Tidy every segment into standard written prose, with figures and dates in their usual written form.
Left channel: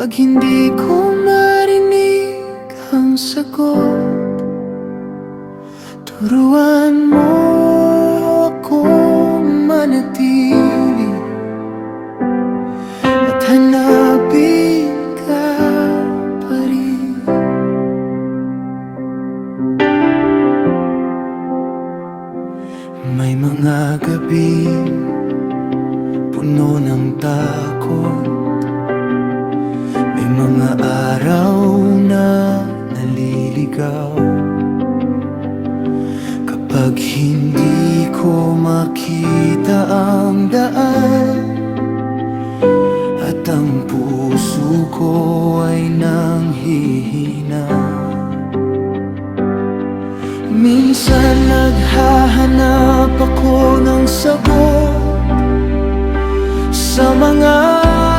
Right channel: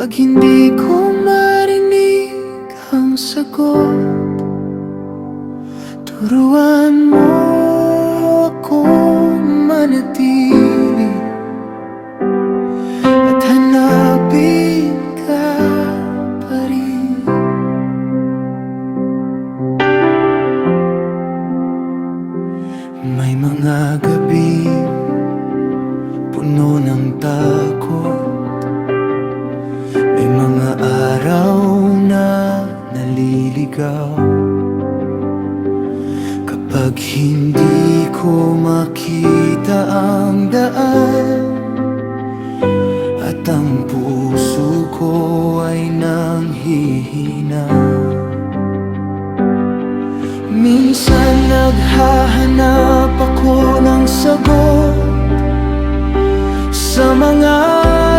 Pag hindi ko marinig ang sagot, turuan mo akong manatili at hanapin ka pa rin. May mga gabi puno ng takot, may mga araw na naliligaw. Kapag hindi ko makita ang daan at ang puso ko ay nanghihina, minsan naghahanap ako ng sagot sa mga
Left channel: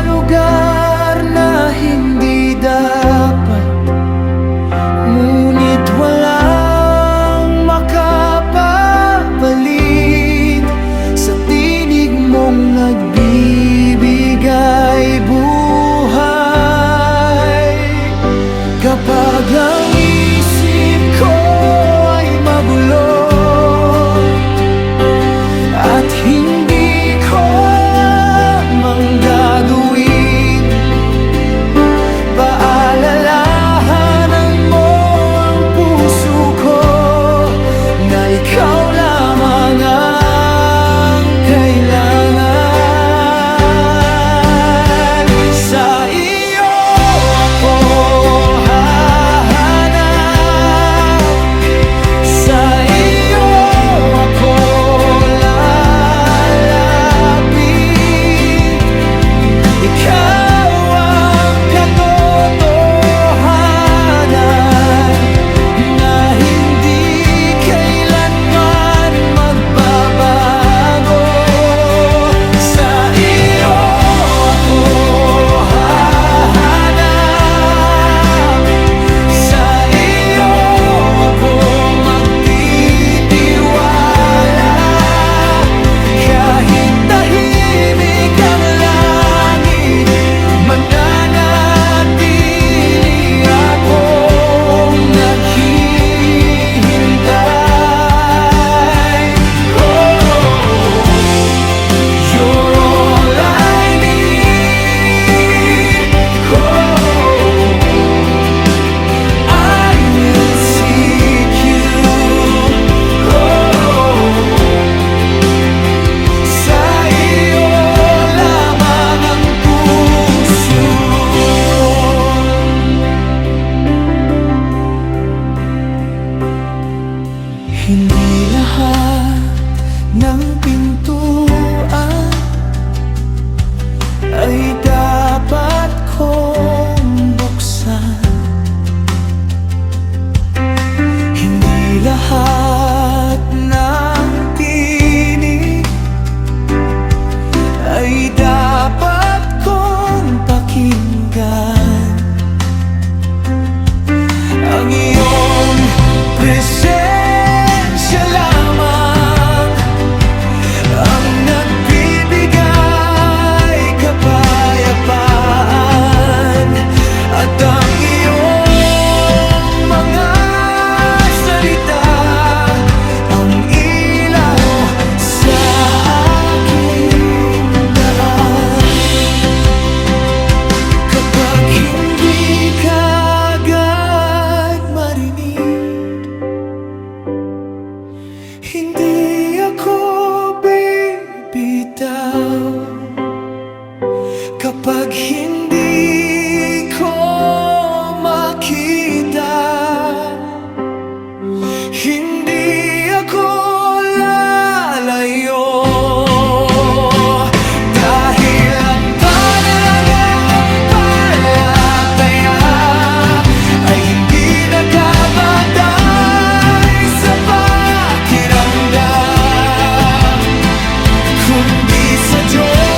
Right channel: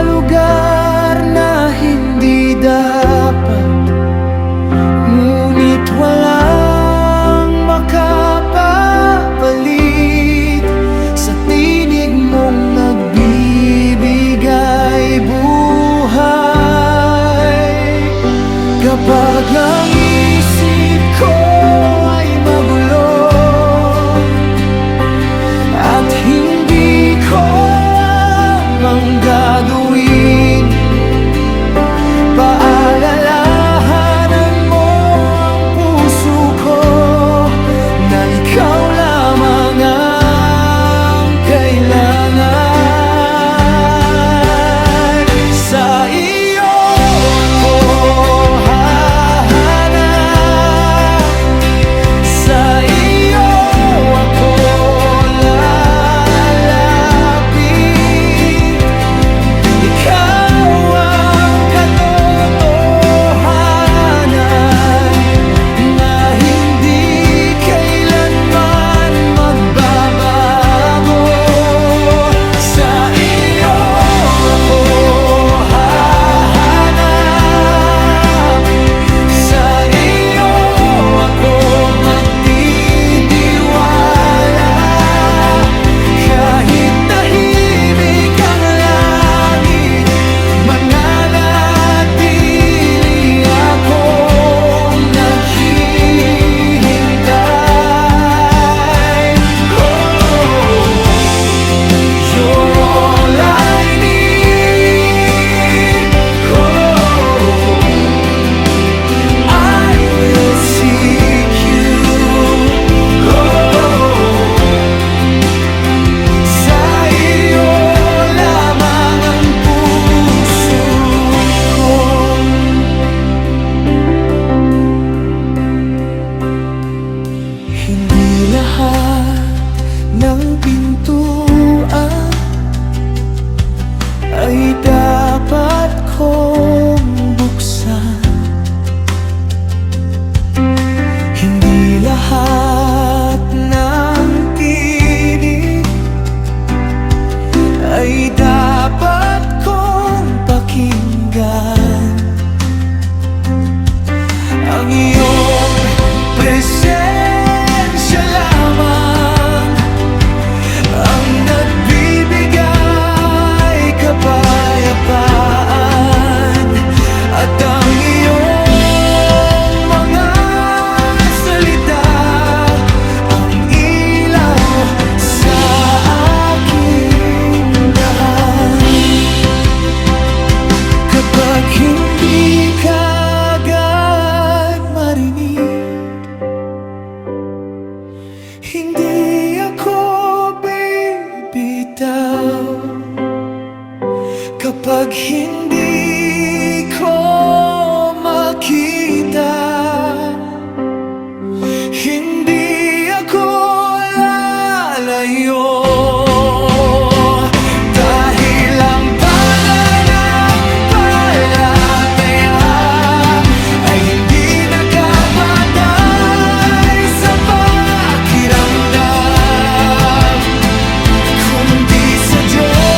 lugar na hindi dapat, ngunit walang makapapalit sa tinig mong nagbibigay buhay. Kapag ang isip ko ay magulo at hindi ko alam ang gagawin, paalalahanan mo ang puso ko na ikaw lamang ang kailangan. Sa iyo ako hahanap, sa iyo ako lalapit. Ikaw ang katotohanan na hindi kailanman magbabago. Sa iyo ako hahanap, sa iyo ako magtitiwala. Kahit tahimik ang langit, mananatili akong naghihintay. You're all I need. I will seek you. Sa iyo lamang ang puso ko. Hindi lahat ng pintuan ay dapat kong buksan. Hindi lahat ng tinig ay dapat kong pakinggan. Ang iyong presensya lamang ang nagbibigay kapayapaan, at ang iyong mga salita ang ilaw sa aking daan. Kapag hindi ka agad marinig, hindi ako bibitaw. Kapag hindi ko makita, hindi ako lalayo. Dahil ang pananampalataya ay hindi nakabatay sa pakiramdam, kundi sa Diyos.